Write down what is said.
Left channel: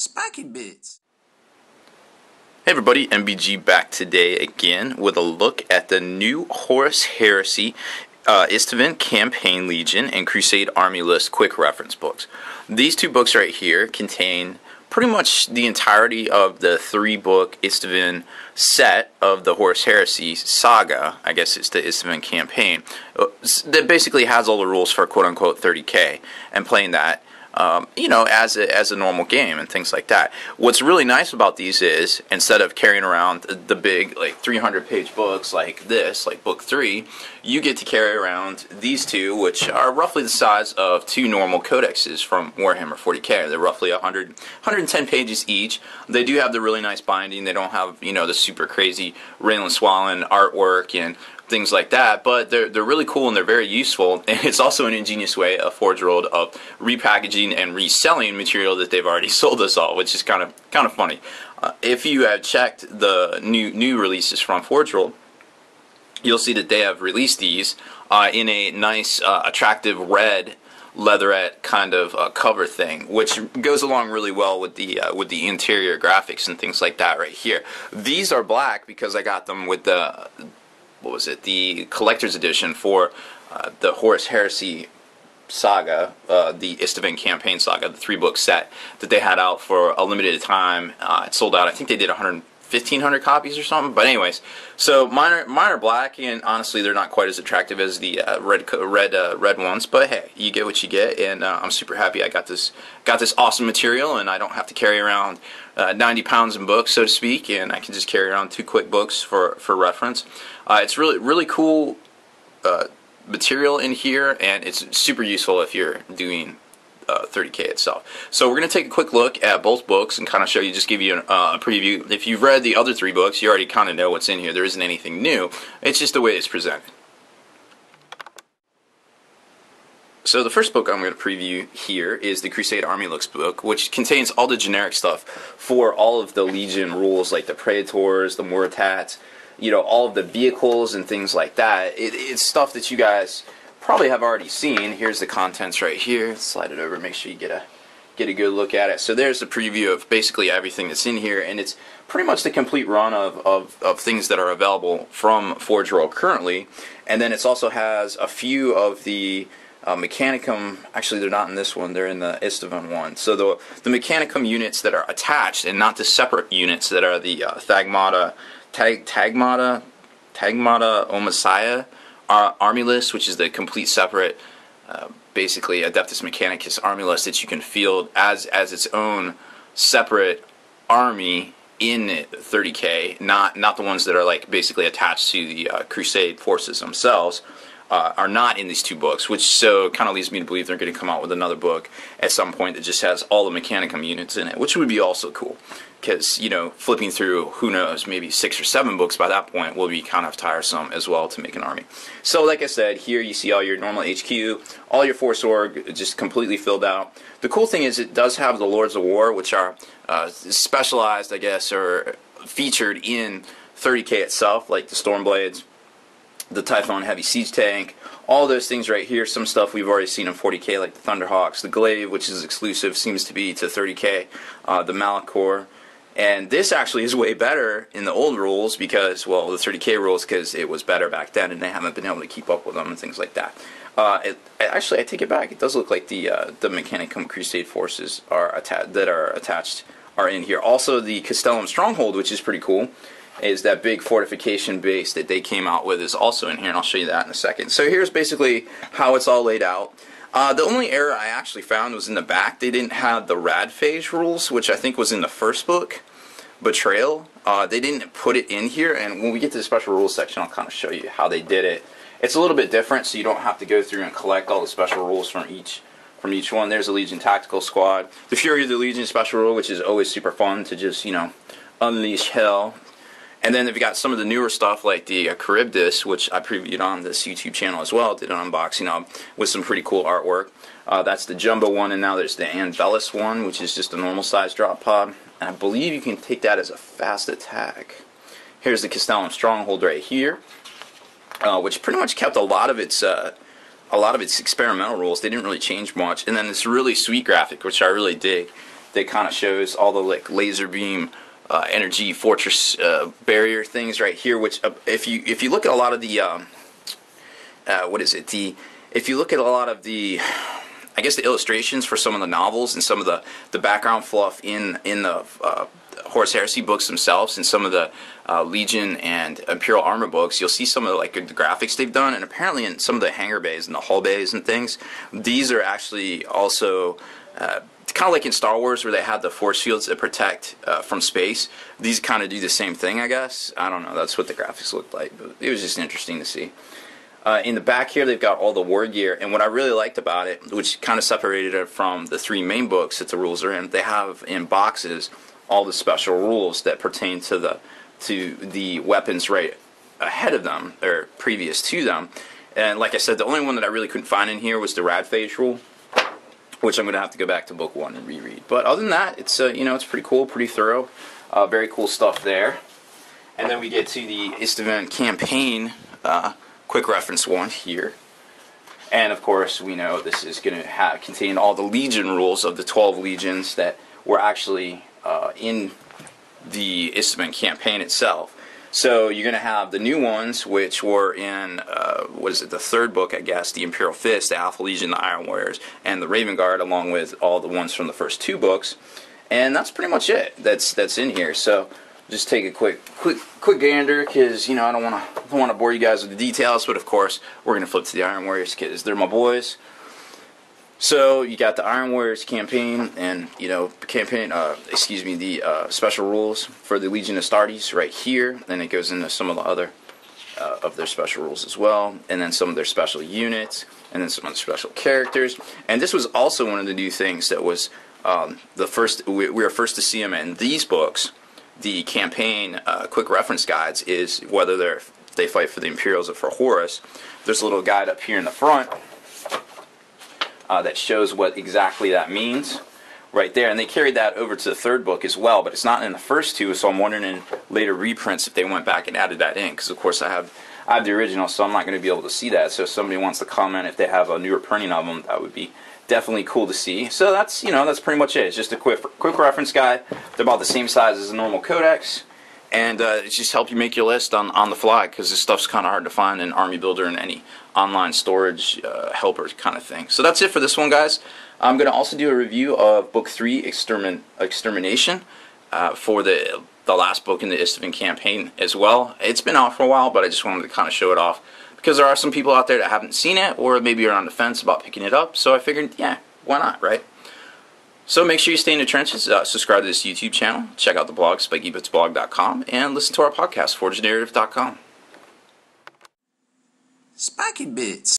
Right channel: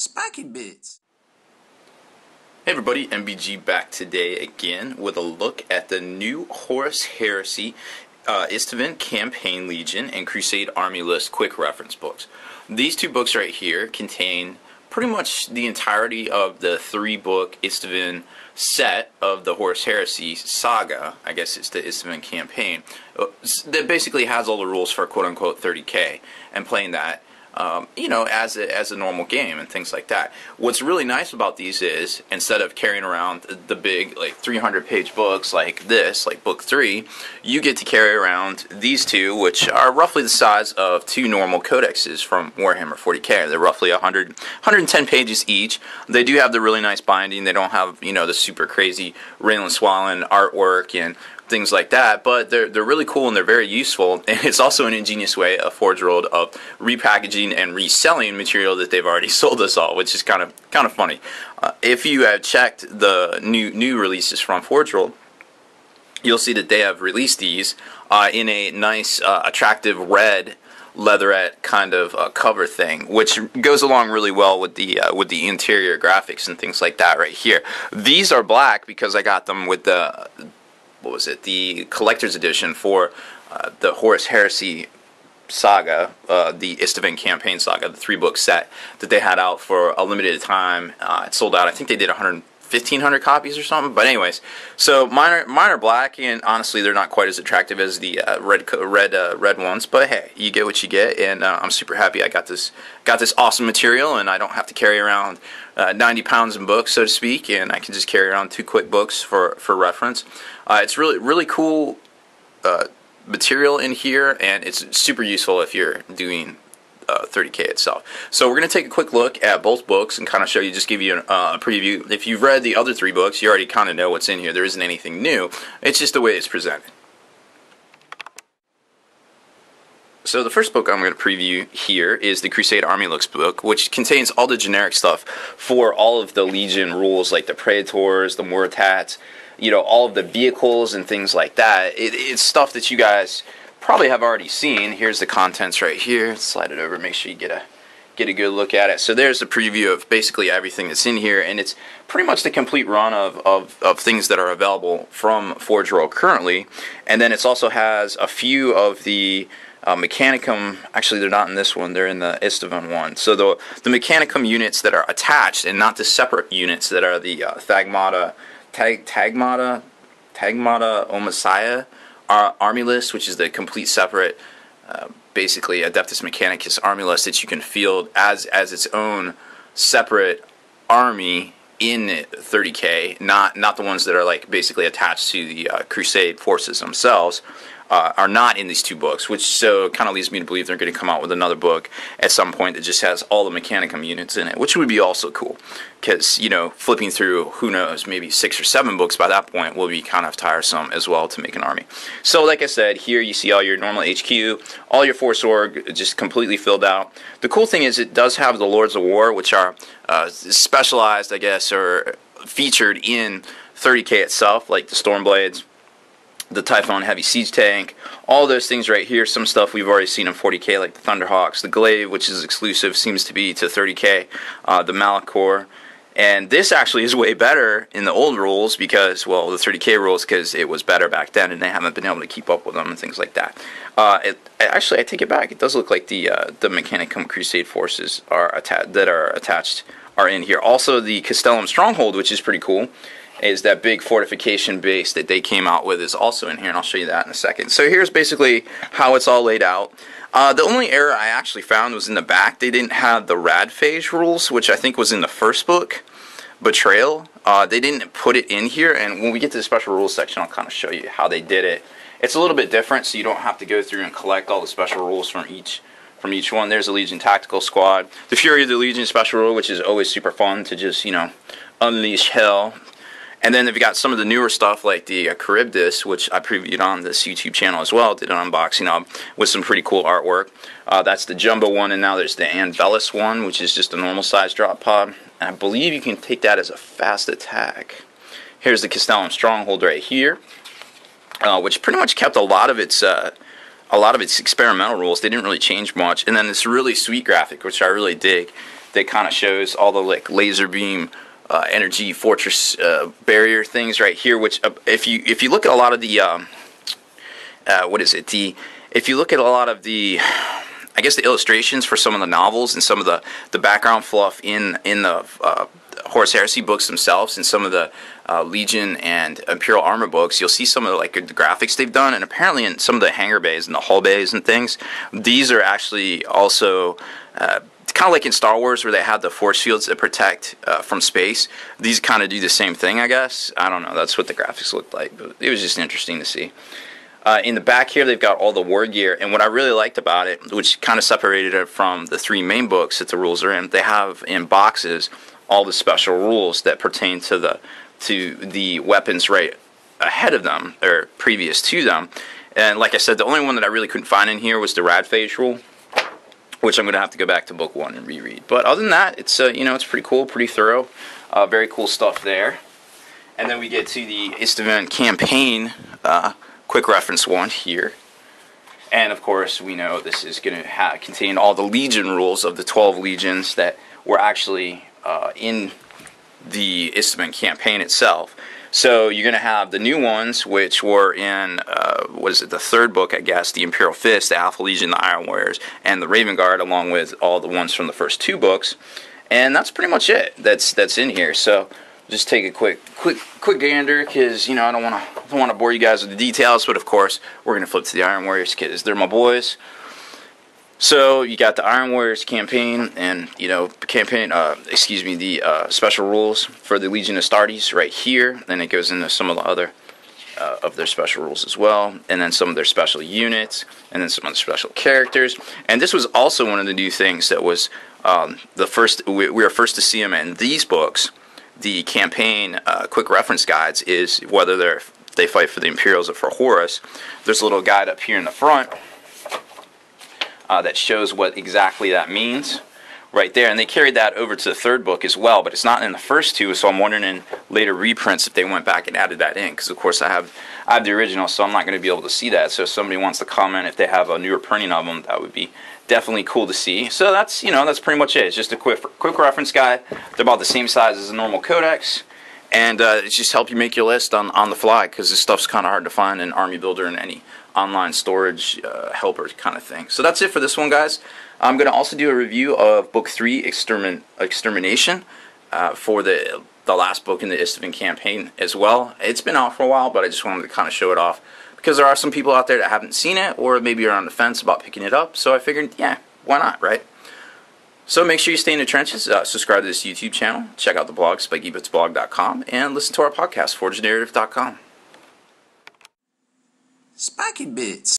Spiky Bits. Hey everybody, MBG back today again with a look at the new Horus Heresy, Istvan Campaign Legion, and Crusade Army List quick reference books. These two books right here contain pretty much the entirety of the three-book Istvan set of the Horus Heresy saga. I guess it's the Istvan Campaign that basically has all the rules for quote-unquote 30K and playing that as a normal game and things like that. What's really nice about these is, instead of carrying around the big, 300-page books like this, like Book 3, you get to carry around these two, which are roughly the size of two normal codexes from Warhammer 40K. They're roughly 110 pages each. They do have the really nice binding. They don't have, the super crazy Raylan Swallen artwork and things like that, but they're really cool and they're very useful, and it's also an ingenious way of Forge World of repackaging and reselling material that they've already sold us all, which is kind of funny. If you have checked the new releases from Forge World, you'll see that they have released these in a nice, attractive red leatherette kind of cover thing, which goes along really well with the interior graphics and things like that right here. These are black because I got them with the the collector's edition for the Horus Heresy saga, the Istvan Campaign saga, the three-book set that they had out for a limited time. It sold out. I think they did 1,500 copies or something. But anyways, so mine are black, and honestly, they're not quite as attractive as the red ones. But hey, you get what you get, and I'm super happy I got this awesome material, and I don't have to carry around 90 pounds in books, so to speak, and I can just carry around two quick books for reference. It's really cool material in here, and it's super useful if you're doing 30K itself. So we're going to take a quick look at both books and kind of show you, just give you a preview. If you've read the other three books, you already kind of know what's in here. There isn't anything new. It's just the way it's presented. So the first book I'm going to preview here is the Crusade Army Looks book, which contains all the generic stuff for all of the Legion rules, like the Praetors, the Moritats, all of the vehicles and things like that. It's stuff that you guys probably have already seen. Here's the contents right here. Slide it over, make sure you get a good look at it. So there's the preview of basically everything that's in here, and it's pretty much the complete run of things that are available from Forge World currently. And then it also has a few of the Mechanicum. Actually, they're not in this one, they're in the Istvan one. So the Mechanicum units that are attached, and not the separate units that are the Tagmata Omasiah army list, which is the complete separate, basically Adeptus Mechanicus army list that you can field as its own separate army in 30K, not the ones that are basically attached to the Crusade forces themselves. Are not in these two books, which so kind of leads me to believe they're going to come out with another book at some point that just has all the Mechanicum units in it, which would be also cool, because, flipping through, who knows, maybe 6 or 7 books by that point will be kind of tiresome as well to make an army. So like I said, here you see all your normal HQ, all your Force Org just completely filled out. The cool thing is it does have the Lords of War, which are specialized, I guess, or featured in 30K itself, like the Stormblades, the Typhon Heavy Siege Tank, all those things right here. Some stuff we've already seen in 40K, like the Thunderhawks, the Glaive, which is exclusive, seems to be to 30K, the Malachor. And this actually is way better in the old rules because, well, the 30K rules, because it was better back then and they haven't been able to keep up with them and things like that. Actually, I take it back. It does look like the Mechanicum Crusade forces are attached are in here. Also, the Castellum Stronghold, which is pretty cool, is that big fortification base that they came out with, is also in here, and I'll show you that in a second. So here's basically how it's all laid out. The only error I actually found was in the back. They didn't have the rad phase rules, which I think was in the first book, Betrayal. They didn't put it in here, and when we get to the special rules section, I'll kind of show you how they did it. It's a little bit different, so you don't have to go through and collect all the special rules from each one. There's a Legion Tactical Squad. The Fury of the Legion special rule, which is always super fun to just, unleash hell. And then they've got some of the newer stuff like the Charybdis, which I previewed on this YouTube channel as well. Did an unboxing of with some pretty cool artwork. That's the Jumbo one, and now there's the Anvelis one, which is just a normal size drop pod. And I believe you can take that as a fast attack. Here's the Castellum Stronghold right here, which pretty much kept a lot of its experimental rules. They didn't really change much. And then this really sweet graphic, which I really dig, that kind of shows all the like laser beam energy fortress barrier things right here. Which if you look at a lot of the if you look at a lot of the, I guess, the illustrations for some of the novels and some of the background fluff in the Horus Heresy books themselves, and some of the Legion and Imperial Armor books, you'll see some of the graphics they've done, and apparently in some of the hangar bays and the hull bays and things, these are actually also kind of like in Star Wars where they have the force fields that protect from space. These kind of do the same thing, I guess. I don't know. That's what the graphics looked like, but it was just interesting to see. In the back here, they've got all the war gear, and what I really liked about it, which kind of separated it from the 3 main books that the rules are in, they have in boxes all the special rules that pertain to the weapons right ahead of them, or previous to them. And like I said, the only one that I really couldn't find in here was the rad phase rule, which I'm going to have to go back to book 1 and reread. But other than that, it's it's pretty cool, pretty thorough, very cool stuff there. And then we get to the Istvan campaign quick reference 1 here. And of course, we know this is going to contain all the Legion rules of the 12 legions that were actually in the Istvan campaign itself. So you're going to have the new ones, which were in, what is it, the 3rd book, I guess, the Imperial Fist, the Alpha Legion, the Iron Warriors, and the Raven Guard, along with all the ones from the first 2 books. And that's pretty much it that's in here. So just take a quick gander, because I don't want to bore you guys with the details. But of course, we're going to flip to the Iron Warriors because they're my boys. So you got the Iron Warriors campaign, and the special rules for the Legion Astartes right here. Then it goes into some of the other of their special rules as well, and then some of their special units, and then some of the special characters. And this was also one of the new things that was the first. We were first to see them in these books. The campaign quick reference guides is whether they fight for the Imperials or for Horus. There's a little guide up here in the front that shows what exactly that means right there, and they carried that over to the 3rd book as well, but it's not in the first 2, so I'm wondering in later reprints if they went back and added that in, because of course I have the original, so I'm not going to be able to see that. So if somebody wants to comment if they have a newer printing of them, that would be definitely cool to see. So that's that's pretty much it. It's just a quick reference guide. They're about the same size as a normal codex, and it's just help you make your list on the fly, because this stuff's kind of hard to find in Army Builder and any online storage helper kind of thing. So that's it for this one, guys. I'm going to also do a review of Book 3, Extermination, for the last book in the Istvan campaign as well. It's been out for a while, but I just wanted to kind of show it off, because there are some people out there that haven't seen it, or maybe are on the fence about picking it up, so I figured, yeah, why not, right? So make sure you stay in the trenches, subscribe to this YouTube channel, check out the blog, SpikeyBitsblog.com, and listen to our podcast, ForgeNarrative.com. Spiky Bits.